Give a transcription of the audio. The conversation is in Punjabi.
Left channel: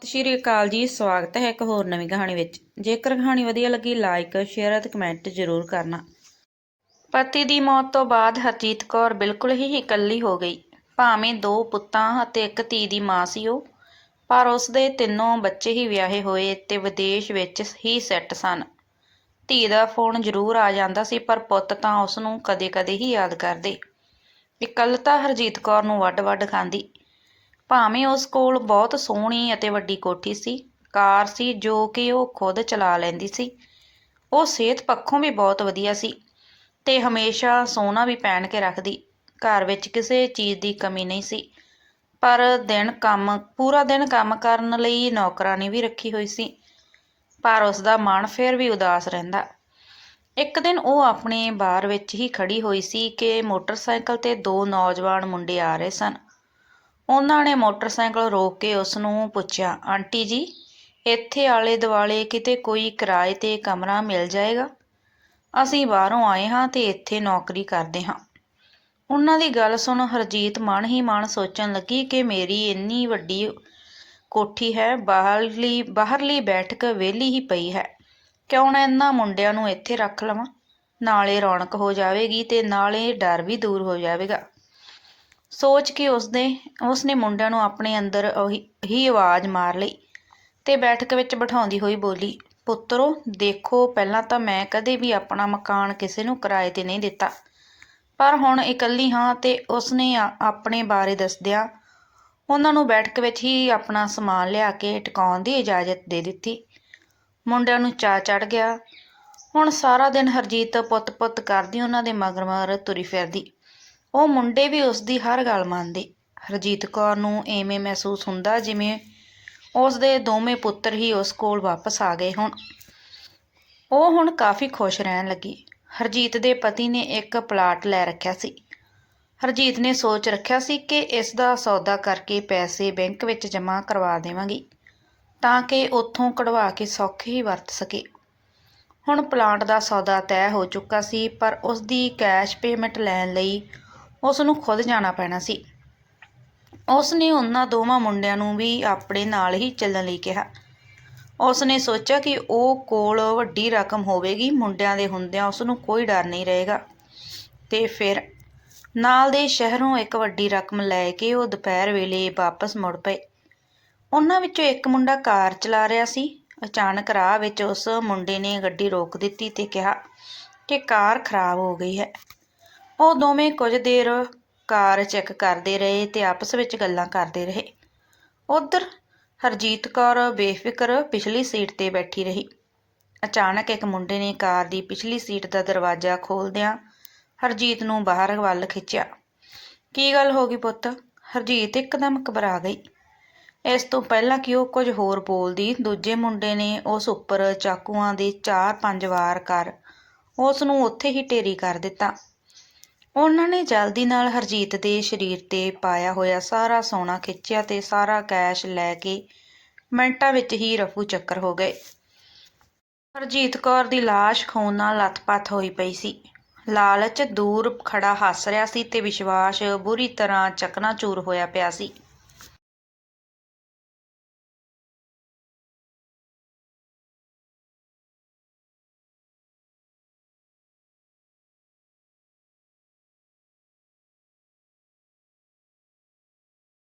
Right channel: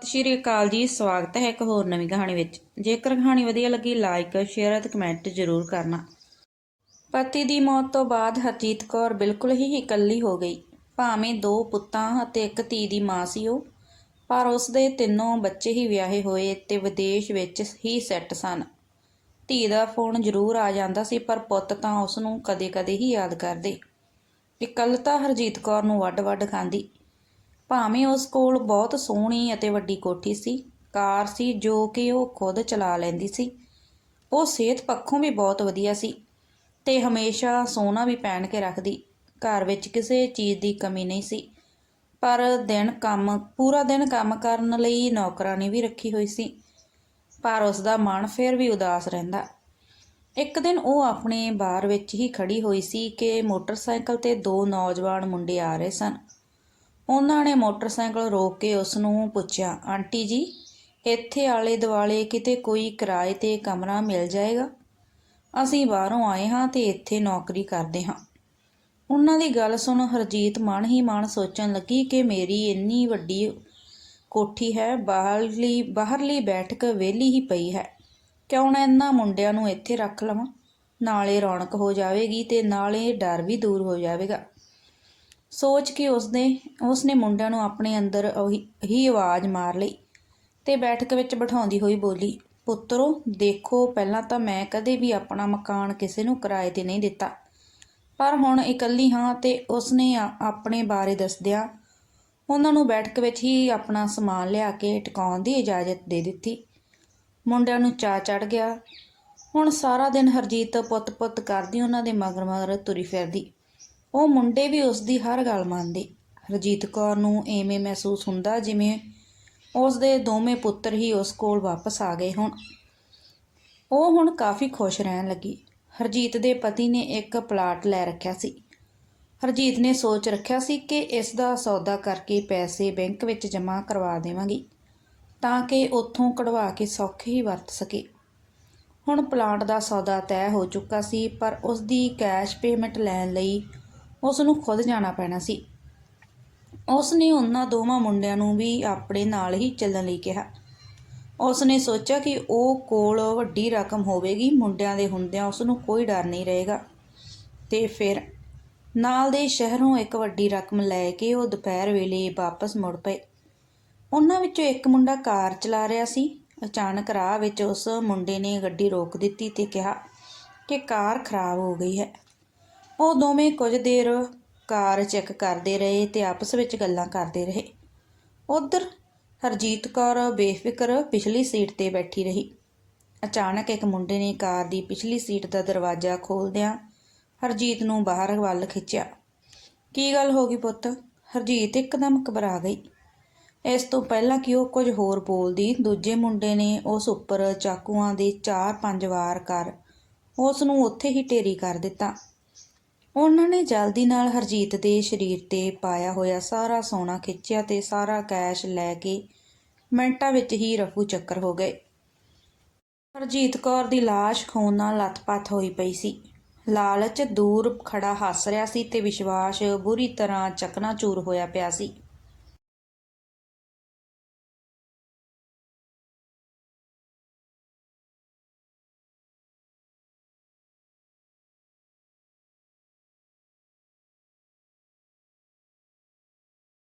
ਸਤਿ ਸ਼੍ਰੀ ਅਕਾਲ ਜੀ, ਸਵਾਗਤ ਹੈ ਇੱਕ ਹੋਰ ਨਵੀਂ ਕਹਾਣੀ ਵਿੱਚ। ਜੇਕਰ ਕਹਾਣੀ ਵਧੀਆ ਲੱਗੀ ਲਾਈਕ ਸ਼ੇਅਰ ਅਤੇ ਕਮੈਂਟ ਜ਼ਰੂਰ ਕਰਨਾ। ਪਤੀ ਦੀ ਮੌਤ ਤੋਂ ਬਾਅਦ ਹਰਜੀਤ ਕੌਰ ਬਿਲਕੁਲ ਹੀ ਇਕੱਲੀ ਹੋ ਗਈ। ਭਾਵੇਂ ਦੋ ਪੁੱਤਾਂ ਅਤੇ ਇੱਕ ਧੀ ਦੀ ਮਾਂ ਸੀ ਉਹ, ਪਰ ਉਸ ਦੇ ਤਿੰਨੋਂ ਬੱਚੇ ਹੀ ਵਿਆਹੇ ਹੋਏ ਤੇ ਵਿਦੇਸ਼ ਵਿੱਚ ਹੀ ਸੈੱਟ ਸਨ। ਧੀ ਦਾ ਫੋਨ ਜ਼ਰੂਰ ਆ ਜਾਂਦਾ ਸੀ, ਪਰ ਪੁੱਤ ਤਾਂ ਉਸ ਨੂੰ ਕਦੇ-ਕਦੇ ਹੀ ਯਾਦ ਕਰਦੇ। ਇਕੱਲਤਾ ਹਰਜੀਤ ਕੌਰ ਨੂੰ ਵੱਡ-ਵੱਡ ਖਾਂਦੀ। ਭਾਵੇਂ ਉਸ ਕੋਲ ਬਹੁਤ ਸੋਹਣੀ ਅਤੇ ਵੱਡੀ ਕੋਠੀ ਸੀ, ਕਾਰ ਸੀ ਜੋ ਕਿ ਉਹ ਖੁਦ ਚਲਾ ਲੈਂਦੀ ਸੀ। ਉਹ ਸਿਹਤ ਪੱਖੋਂ ਵੀ ਬਹੁਤ ਵਧੀਆ ਸੀ ਤੇ ਹਮੇਸ਼ਾ ਸੋਨਾ ਵੀ ਪਹਿਨ ਕੇ ਰੱਖਦੀ। ਘਰ ਵਿੱਚ ਕਿਸੇ ਚੀਜ਼ ਦੀ ਕਮੀ ਨਹੀਂ ਸੀ, ਪਰ ਦਿਨ ਕੰਮ, ਪੂਰਾ ਦਿਨ ਕੰਮ ਕਰਨ ਲਈ ਨੌਕਰਾਨੀ ਵੀ ਰੱਖੀ ਹੋਈ ਸੀ। ਪਰ ਉਸ ਦਾ ਮਨ ਫਿਰ ਵੀ ਉਦਾਸ ਰਹਿੰਦਾ। ਇੱਕ ਦਿਨ ਉਹ ਆਪਣੇ ਬਾਰ ਵਿੱਚ ਹੀ ਖੜੀ ਹੋਈ ਸੀ ਕਿ ਮੋਟਰਸਾਈਕਲ ਤੇ ਦੋ ਨੌਜਵਾਨ ਮੁੰਡੇ ਆ ਰਹੇ ਸਨ। ਉਹਨਾਂ ਨੇ ਮੋਟਰਸਾਈਕਲ ਰੋਕ ਕੇ ਉਸ ਨੂੰ ਪੁੱਛਿਆ, ਆਂਟੀ ਜੀ, ਇੱਥੇ ਆਲੇ ਦੁਆਲੇ ਕਿਤੇ ਕੋਈ ਕਿਰਾਏ ਤੇ ਕਮਰਾ ਮਿਲ ਜਾਏਗਾ? ਅਸੀਂ ਬਾਹਰੋਂ ਆਏ ਹਾਂ ਤੇ ਇੱਥੇ ਨੌਕਰੀ ਕਰਦੇ ਹਾਂ। ਉਹਨਾਂ ਦੀ ਗੱਲ ਸੁਣ ਹਰਜੀਤ ਮਨ ਹੀ ਮਨ ਸੋਚਣ ਲੱਗੀ ਕਿ ਮੇਰੀ ਇੰਨੀ ਵੱਡੀ ਕੋਠੀ ਹੈ, ਬਾਹਰਲੀ ਬਾਹਰਲੀ ਬੈਠਕ ਵਿਹਲੀ ਹੀ ਪਈ ਹੈ। ਕਿਉਂ ਨਾ ਇਹਨਾਂ ਮੁੰਡਿਆਂ ਨੂੰ ਇੱਥੇ ਰੱਖ ਲਵਾਂ? ਨਾਲੇ ਰੌਣਕ ਹੋ ਜਾਵੇਗੀ ਤੇ ਨਾਲੇ ਡਰ ਵੀ ਦੂਰ ਹੋ ਜਾਵੇਗਾ। ਸੋਚ ਕੇ ਉਸਨੇ ਉਸਨੇ ਮੁੰਡਿਆਂ ਨੂੰ ਆਪਣੇ ਅੰਦਰ ਉਹੀ ਹੀ ਆਵਾਜ਼ ਮਾਰ ਲਈ ਤੇ ਬੈਠਕ ਵਿੱਚ ਬਿਠਾਉਂਦੀ ਹੋਈ ਬੋਲੀ, ਪੁੱਤਰੋ, ਦੇਖੋ, ਪਹਿਲਾਂ ਤਾਂ ਮੈਂ ਕਦੇ ਵੀ ਆਪਣਾ ਮਕਾਨ ਕਿਸੇ ਨੂੰ ਕਿਰਾਏ ਤੇ ਨਹੀਂ ਦਿੱਤਾ। ਪਰ ਹੁਣ ਇਕੱਲੀ ਹਾਂ ਤੇ ਉਸਨੇ ਆ- ਆਪਣੇ ਬਾਰੇ ਦੱਸਦਿਆਂ ਉਹਨਾਂ ਨੂੰ ਬੈਠਕ ਵਿੱਚ ਹੀ ਆਪਣਾ ਸਮਾਨ ਲਿਆ ਕੇ ਟਿਕਾਉਣ ਦੀ ਇਜਾਜ਼ਤ ਦੇ ਦਿੱਤੀ। ਮੁੰਡਿਆਂ ਨੂੰ ਚਾ ਚੜ ਗਿਆ। ਹੁਣ ਸਾਰਾ ਦਿਨ ਹਰਜੀਤ ਪੁੱਤ-ਪੁੱਤ ਕਰਦੀ ਉਹਨਾਂ ਦੇ ਮਗਰ ਮਗਰ ਤੁਰੀ ਫਿਰਦੀ। ਉਹ ਮੁੰਡੇ ਵੀ ਉਸ ਦੀ ਹਰ ਗੱਲ ਮੰਨਦੇ। ਹਰਜੀਤ ਕੌਰ ਨੂੰ ਐਵੇਂ ਮਹਿਸੂਸ ਹੁੰਦਾ ਜਿਵੇਂ ਉਸ ਦੇ ਦੋਵੇਂ ਪੁੱਤਰ ਹੀ ਉਸ ਕੋਲ ਵਾਪਸ ਆ ਗਏ ਹੋਣ। ਉਹ ਹੁਣ ਕਾਫੀ ਖੁਸ਼ ਰਹਿਣ ਲੱਗੀ। ਹਰਜੀਤ ਦੇ ਪਤੀ ਨੇ ਇੱਕ ਪਲਾਟ ਲੈ ਰੱਖਿਆ ਸੀ। ਹਰਜੀਤ ਨੇ ਸੋਚ ਰੱਖਿਆ ਸੀ ਕਿ ਇਸ ਦਾ ਸੌਦਾ ਕਰਕੇ ਪੈਸੇ ਬੈਂਕ ਵਿੱਚ ਜਮ੍ਹਾਂ ਕਰਵਾ ਦੇਵਾਂਗੀ, ਤਾਂ ਕਿ ਉੱਥੋਂ ਕਢਵਾ ਕੇ ਸੌਖੇ ਹੀ ਵਰਤ ਸਕੇ। ਹੁਣ ਪਲਾਂਟ ਦਾ ਸੌਦਾ ਤੈਅ ਹੋ ਚੁੱਕਾ ਸੀ, ਪਰ ਉਸ ਦੀ ਕੈਸ਼ ਪੇਮੈਂਟ ਲੈਣ ਲਈ ਉਸ ਨੂੰ ਖੁਦ ਜਾਣਾ ਪੈਣਾ ਸੀ। ਉਸ ਨੇ ਉਹਨਾਂ ਦੋਵਾਂ ਮੁੰਡਿਆਂ ਨੂੰ ਵੀ ਆਪਣੇ ਨਾਲ ਹੀ ਚੱਲਣ ਲਈ ਕਿਹਾ। ਉਸ ਨੇ ਸੋਚਿਆ ਕਿ ਉਹ ਕੋਲ ਵੱਡੀ ਰਕਮ ਹੋਵੇਗੀ, ਮੁੰਡਿਆਂ ਦੇ ਹੁੰਦਿਆਂ ਉਸ ਨੂੰ ਕੋਈ ਡਰ ਨਹੀਂ ਰਹੇਗਾ। ਤੇ ਫਿਰ ਨਾਲ ਦੇ ਸ਼ਹਿਰੋਂ ਇੱਕ ਵੱਡੀ ਰਕਮ ਲੈ ਕੇ ਉਹ ਦੁਪਹਿਰ ਵੇਲੇ ਵਾਪਸ ਮੁੜ ਪਏ। ਉਹਨਾਂ ਵਿੱਚੋਂ ਇੱਕ ਮੁੰਡਾ ਕਾਰ ਚਲਾ ਰਿਹਾ ਸੀ। ਅਚਾਨਕ ਰਾਹ ਵਿੱਚ ਉਸ ਮੁੰਡੇ ਨੇ ਗੱਡੀ ਰੋਕ ਦਿੱਤੀ ਤੇ ਕਿਹਾ ਕਿ ਕਾਰ ਖਰਾਬ ਹੋ ਗਈ ਹੈ। ਉਹ ਦੋਵੇਂ ਕੁਝ ਦੇਰ ਕਾਰ ਚੈੱਕ ਕਰਦੇ ਰਹੇ ਤੇ ਆਪਸ ਵਿੱਚ ਗੱਲਾਂ ਕਰਦੇ ਰਹੇ। ਉਧਰ ਹਰਜੀਤ ਕੌਰ ਬੇਫਿਕਰ ਪਿਛਲੀ ਸੀਟ ਤੇ ਬੈਠੀ ਰਹੀ। ਅਚਾਨਕ ਇੱਕ ਮੁੰਡੇ ਨੇ ਕਾਰ ਦੀ ਪਿਛਲੀ ਸੀਟ ਦਾ ਦਰਵਾਜ਼ਾ ਖੋਲਦਿਆਂ ਹਰਜੀਤ ਨੂੰ ਬਾਹਰ ਵੱਲ ਖਿੱਚਿਆ। ਕੀ ਗੱਲ ਹੋ ਗਈ ਪੁੱਤ? ਹਰਜੀਤ ਇੱਕਦਮ ਘਬਰਾ ਗਈ। ਇਸ ਤੋਂ ਪਹਿਲਾਂ ਕਿ ਉਹ ਕੁਝ ਹੋਰ ਬੋਲਦੀ, ਦੂਜੇ ਮੁੰਡੇ ਨੇ ਉਸ ਉੱਪਰ ਚਾਕੂਆਂ ਦੇ 4-5 ਵਾਰ ਕਰ ਉਸ ਨੂੰ ਉੱਥੇ ਹੀ ਢੇਰੀ ਕਰ ਦਿੱਤਾ। ਉਹਨਾਂ ਨੇ ਜਲਦੀ ਨਾਲ ਹਰਜੀਤ ਦੇ ਸਰੀਰ ਤੇ ਪਾਇਆ ਹੋਇਆ ਸਾਰਾ ਸੋਨਾ ਖਿੱਚਿਆ ਤੇ ਸਾਰਾ ਕੈਸ਼ ਲੈ ਕੇ ਮਿੰਟਾਂ ਵਿੱਚ ਹੀ ਰਫੂ ਚੱਕਰ ਹੋ ਗਏ। ਹਰਜੀਤ ਕੌਰ ਦੀ ਲਾਸ਼ ਖੂਨ ਨਾਲ ਲੱਥਪੱਥ ਹੋਈ ਪਈ ਸੀ। ਲਾਲਚ ਦੂਰ ਖੜਾ ਹੱਸ ਰਿਹਾ ਸੀ ਤੇ ਵਿਸ਼ਵਾਸ ਬੁਰੀ ਤਰ੍ਹਾਂ ਚਕਨਾਚੂਰ ਹੋਇਆ ਪਿਆ ਸੀ।